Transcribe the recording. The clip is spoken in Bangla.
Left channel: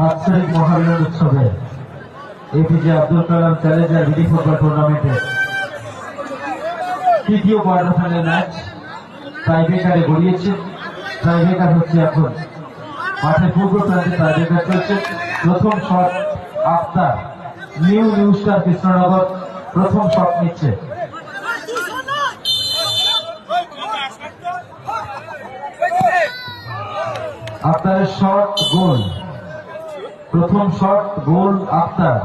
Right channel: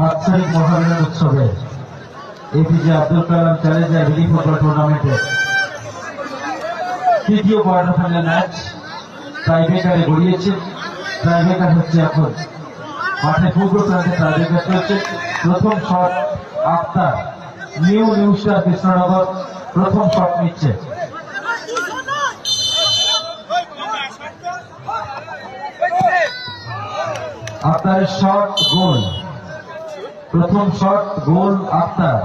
বাৎসরিক মহারণের উৎসবে APJ Abdul Kalam Challenger mini football টুর্নামেন্টের তৃতীয় কোয়ার্টার ফাইনাল ম্যাচ টাইব্রেকারে গড়িয়েছে। টাইব্রেকার হচ্ছে এখন মাঠে পূর্ব প্রান্তে টাইব্রেকার চলছে। প্রথম shot Akhtar, new star Krishnanagar প্রথম শট নিচ্ছে। আক্তারের শট গোল, প্রথম শট গোল আক্তার।